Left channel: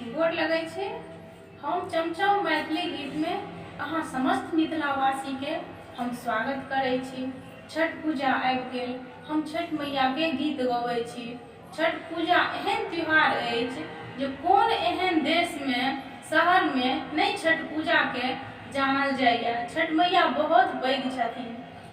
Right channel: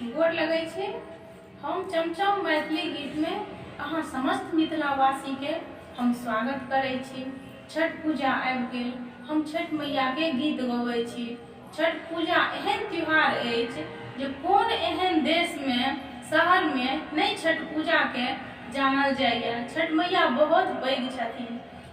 गोर लगै छै। हम चमचम मैथिली गीत में अहाँ समस्त मिथिलावासी के हम स्वागत करै छी। छठ पूजा आबि गेल, हम छठ मैया के गीत गबै छी। छठ पूजा एहन त्योहार अछि जे कोन एहन देश में शहर में नहीं छठ पूजा के जानल जाइए। छठ मैया बहुत पैघ छथिन,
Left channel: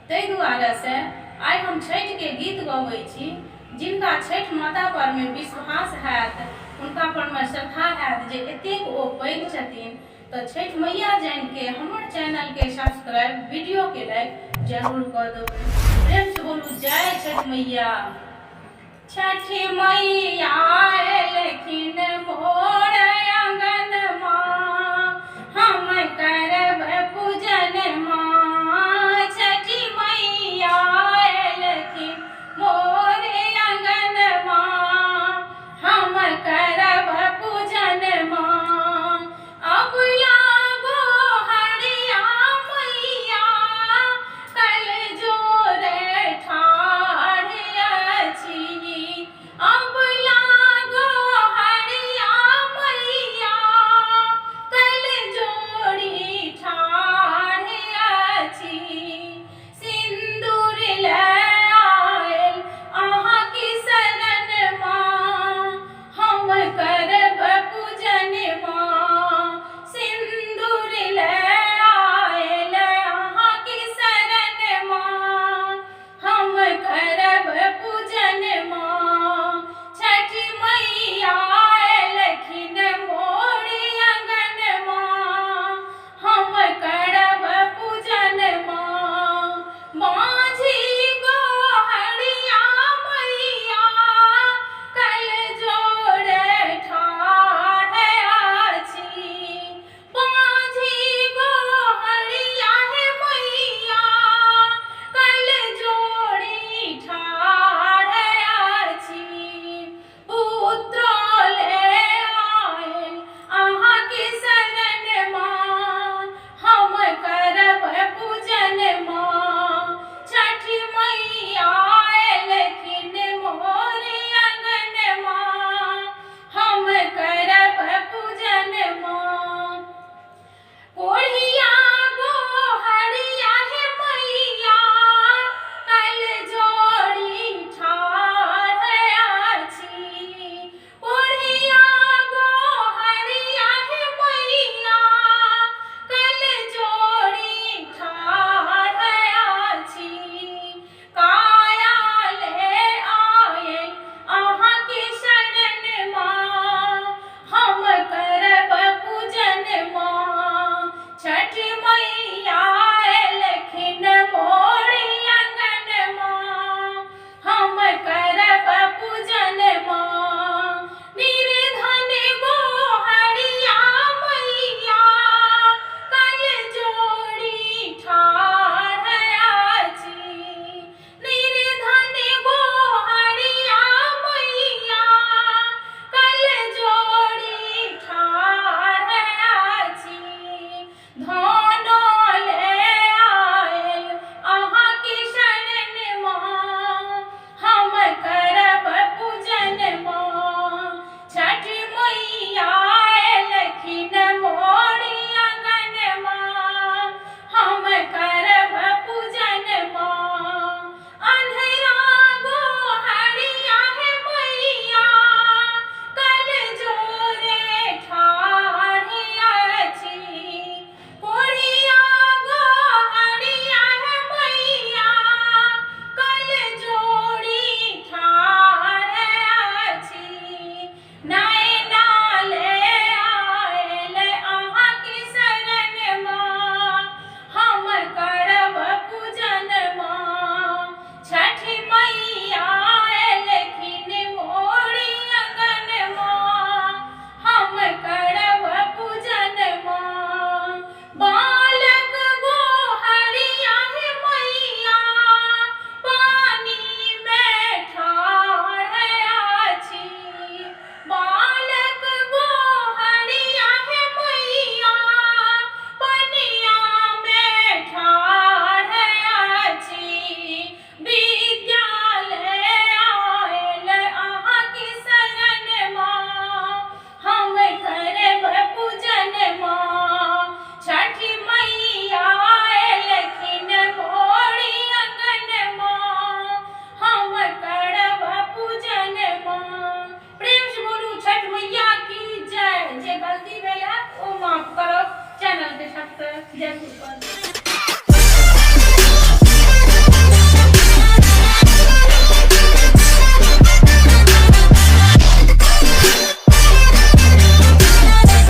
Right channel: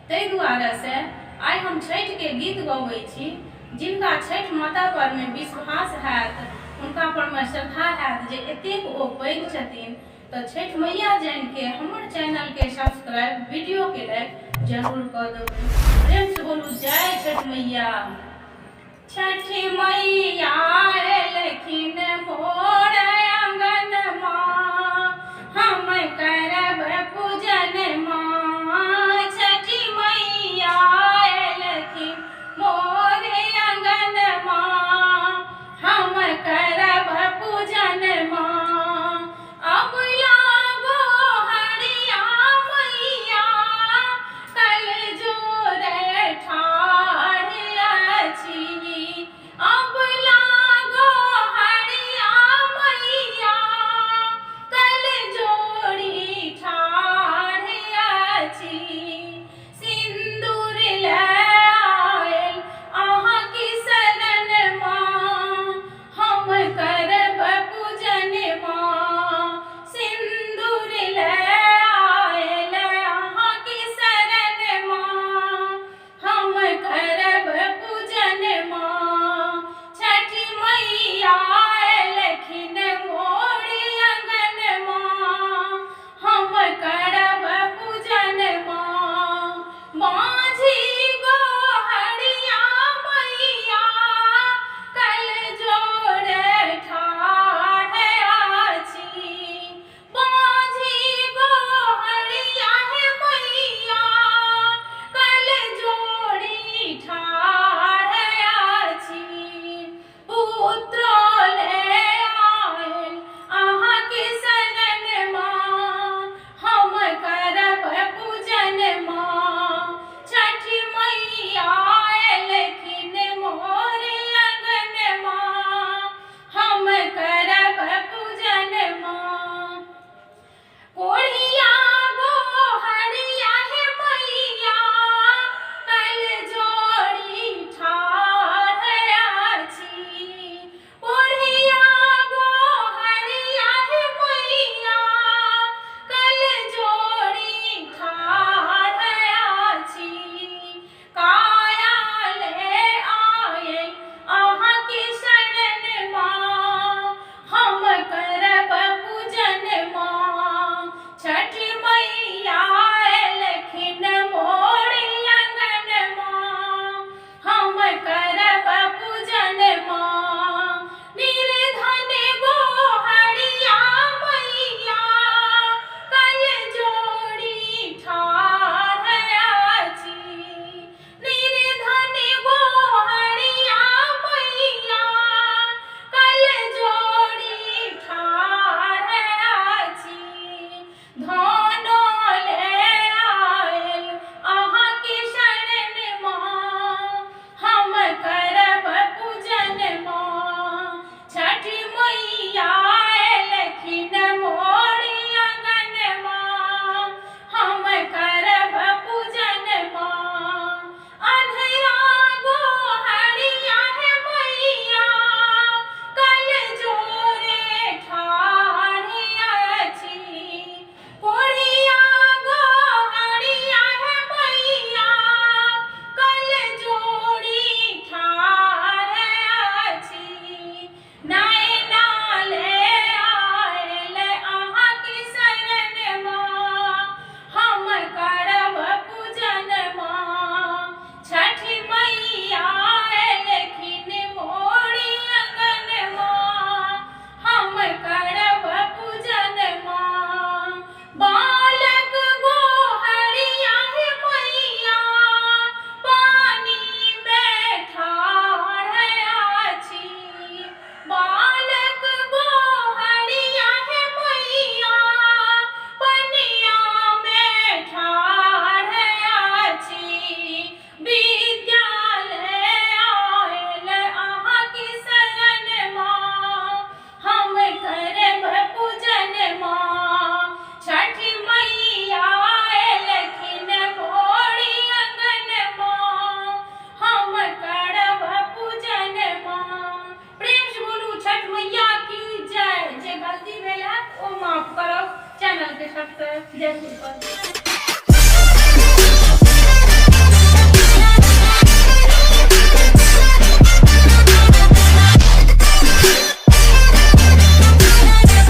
ताहि दुआरे से आइ हम छठ के गीत गबै छी। जिनका छठ माता पर में विश्वास हैत, उनका पर में श्रद्धा हैत जे एतेक ओ पैघ छथिन, तो छठ मैया जान के हमर चैनल के सब्सक्राइब, वीडियो के लाइक जरूर कर देबै। प्रेम से बोलू जय छठ मैया। छठ मैया एलखिन मोर आंगन माँ, हम करब पूजन माँ। छठ मैया एलखिन मोर आंगन माँ, हम करब पूजन माँ। अब लागो हरिया मैया, कल जोरे ठाढ़ अछि। अब लागो हरिया जय गुरुपद।